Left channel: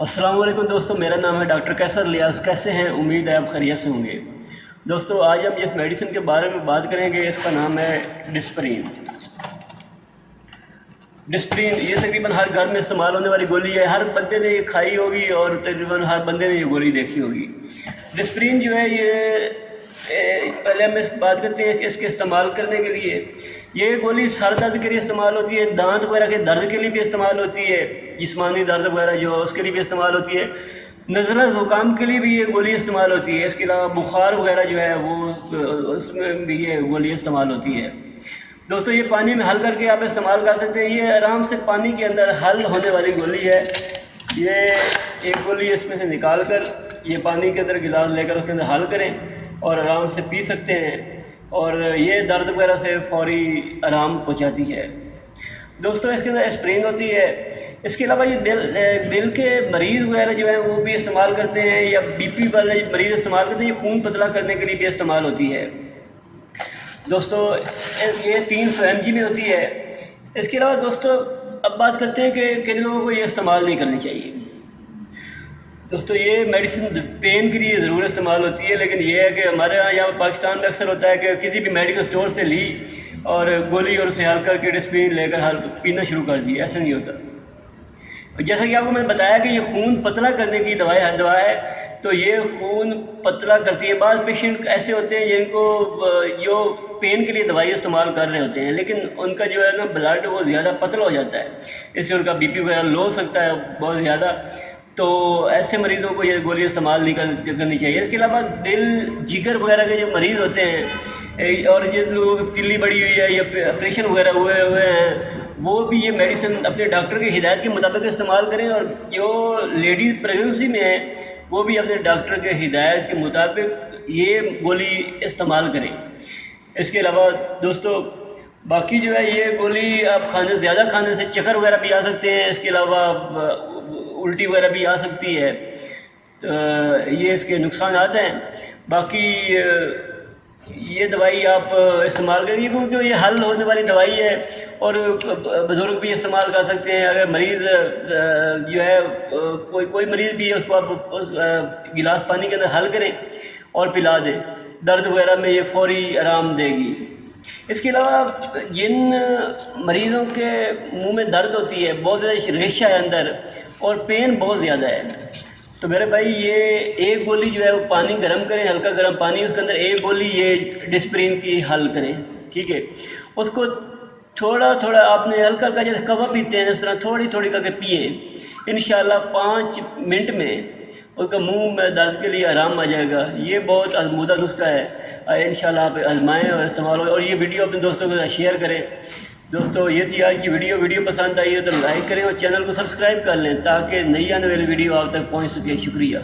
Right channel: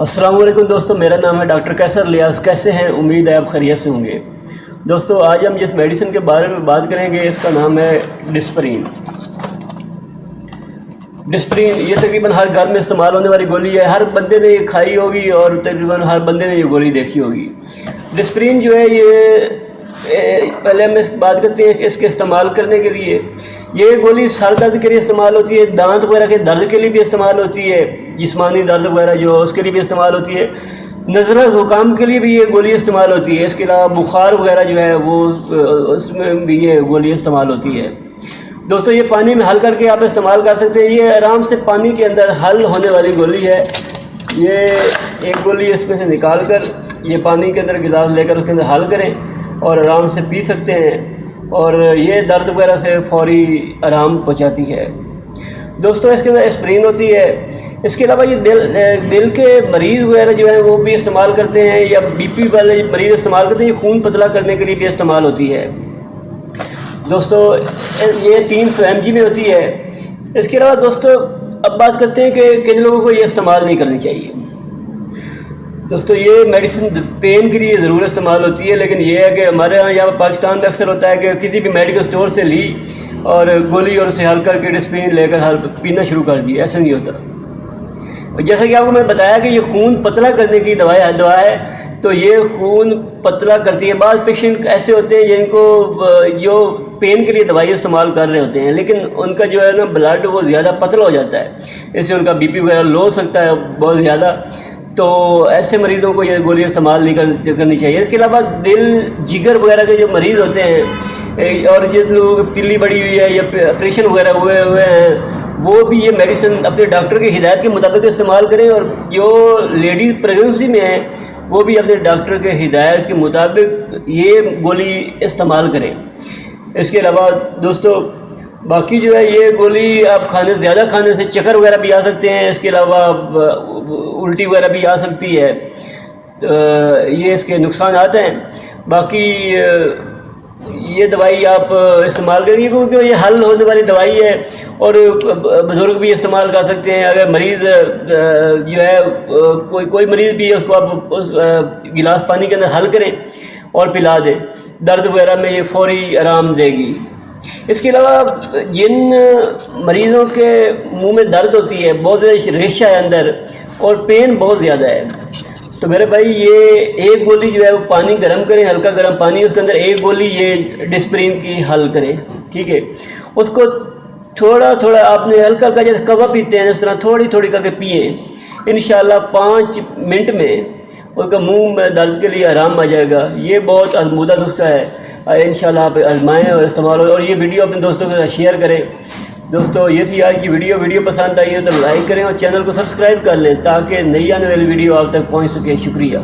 السلام علیکم دوستو، میرا نام ہے ڈاکٹر کیسر لیاس۔ کیسے ہیں؟ امید ہے آپ خیریت سے ہوں گے۔ دوستو آج ہم جس میڈیسن کے بارے میں بات کریں گے اس کا نام ہے ڈسپرین۔ ڈسپرین یہ تقریباً ہر گھر میں استعمال ہونے والی گولی ہے، ہر بندے نے یہ کھائی ہوگی اور تقریباً ہر بندے نے یہ گولی دیکھی ہوگی۔ ڈسپرین جو ہے یہ پہلے ہم اس بات کرتے ہیں کہ اس کے استعمال کرنے کے لیے یہ گولی سر درد کے لیے استعمال ہوتی ہے، دانت وغیرہ کے درد کے لیے بھی استعمال ہوتی ہے، جسمانی درد وغیرہ جو اس کے لیے بھی استعمال ہوتی ہے، نزلہ زکام کے لیے بھی یہ گولی استعمال ہوتی ہے، اس کے علاوہ بخار وغیرہ جو ہے وہ اس میں بھی یہ گولی استعمال ہوتی ہے۔ دوستو یہ پانی میں حل کر کے آپ استعمال کر سکتے ہیں، یہ آرام سے پانی کے اندر حل ہونے والی گولی ہے۔ یہ ایک گولی اس میں سے نکال کر یہ پانی کے اندر گلاس لے کر اس کے اندر حل کریں اور آرام سے پی سکتے ہیں، اور یہ درد وغیرہ سے فوری آرام پہنچاتی ہے۔ دوستو اس کے اندر اسپرین ہوتی ہے۔ اس کے علاوہ یہ دل کے مریض وغیرہ جو ہیں وہ بھی استعمال کرتے ہیں، یا بی پی والے مریض استعمال کرتے ہیں، یہ خون پتلا کرنے کے لیے بھی استعمال ہوتی ہے۔ دوستو یہ 300 mg میں ہوتی ہے۔ اس کے علاوہ دوستو اب بات کرتے ہیں کہ کن لوگوں کو یہ استعمال نہیں کرنی چاہیے۔ دوستو یہ میڈیسن پین کے لیے ضرور استعمال ہوتی ہے، لیکن یہ ہے کہ ہمارے یہاں پاکستان میں اکثر ہوتا ہے کہ کسی بھی میڈیکل سٹور سے لی اور گولی اور اسے حل کر کے ڈسپرین لے کر پینا شروع کر دی۔ ایسا نہیں ہوتا۔ جیسا کہ آپ کو میں نے بتایا کہ یہ خون پتلا کرنے کی دوا ہے، تو یہ خون پتلا کرتی ہے۔ بعض پیشنٹ ایسے ہوتے ہیں جن کو جو پین کے لیے دوائی استعمال کر رہے ہوتے ہیں، لیکن ان کا جو ہے نا بلڈ وہ زیادہ پتلا ہو جاتا ہے، اس سے ان کا بی پی وغیرہ لو ہو سکتا ہے بہت زیادہ، تو ایسے مریضوں کو یہ گولی استعمال نہیں کرنی چاہیے۔ اس کے علاوہ دل جگر وغیرہ کے جو مریض ہوتے ہیں، اور جن لوگوں کی تلی بڑی ہوئی ہے یا آپریشن وغیرہ ہوئے ہیں، وہ بھی یہ میڈیسن اپنے ڈاکٹر کی ہدایت کے مطابق استعمال کریں، اور جو لیڈیز پریگننسی میں ہیں وہ بھی اپنے ڈاکٹر کے ہدایت کے مطابق یہ گولی استعمال کریں۔ اس کے علاوہ دوستو باقی جو ہے یہ گولی آپ زیادہ کھانے سے چکر وغیرہ بھی آ سکتے ہیں، اس کے علاوہ الٹی وغیرہ بھی آ سکتی ہے، یہ اس کے نقصانات ہیں۔ باقی یہ دوائی آپ استعمال کریں گے کیونکہ یہ حل ہونے والی دوائی ہے، اور بزرگ بھی استعمال کر سکتے ہیں۔ اگر مریض جو ہے کوئی مریض بھی اس کو آپ گلاس پانی کے اندر حل کریں اور پلا دیں، درد وغیرہ میں یہ فوری آرام دے گی۔ اس کے علاوہ جن مریضوں کے منہ میں درد ہوتی ہے، بہت زیادہ ریشہ ہے اندر اور پین بہت زیادہ ہے، تو میرے بھائی یہ ایک گولی جو ہے وہ پانی گرم کریں، ہلکا گرم پانی، اس کے اندر ایک گولی یہ ڈسپرین کی حل کریں، ٹھیک ہے۔ اس کو تھوڑا تھوڑا آپ نے ہلکا کا جیسے کوا پیتے ہیں اس طرح تھوڑی تھوڑی کر کے پئیں، انشاءاللہ 5 منٹ میں اس کا منہ میں درد کے لیے آرام آ جائے گا۔ یہ بہت آزمودہ نسخہ ہے، انشاءاللہ آپ آزمائیں اور استعمال ہو، اور یہ ویڈیو اپنے دوستوں کے ساتھ شیئر کریں۔ دوستو یہ تھی آج کی ویڈیو پسند آئی ہے تو لائک کریں اور چینل کو سبسکرائب کر لیں تاکہ نئی آنے والی ویڈیو آپ تک پہنچ سکے۔ شکریہ۔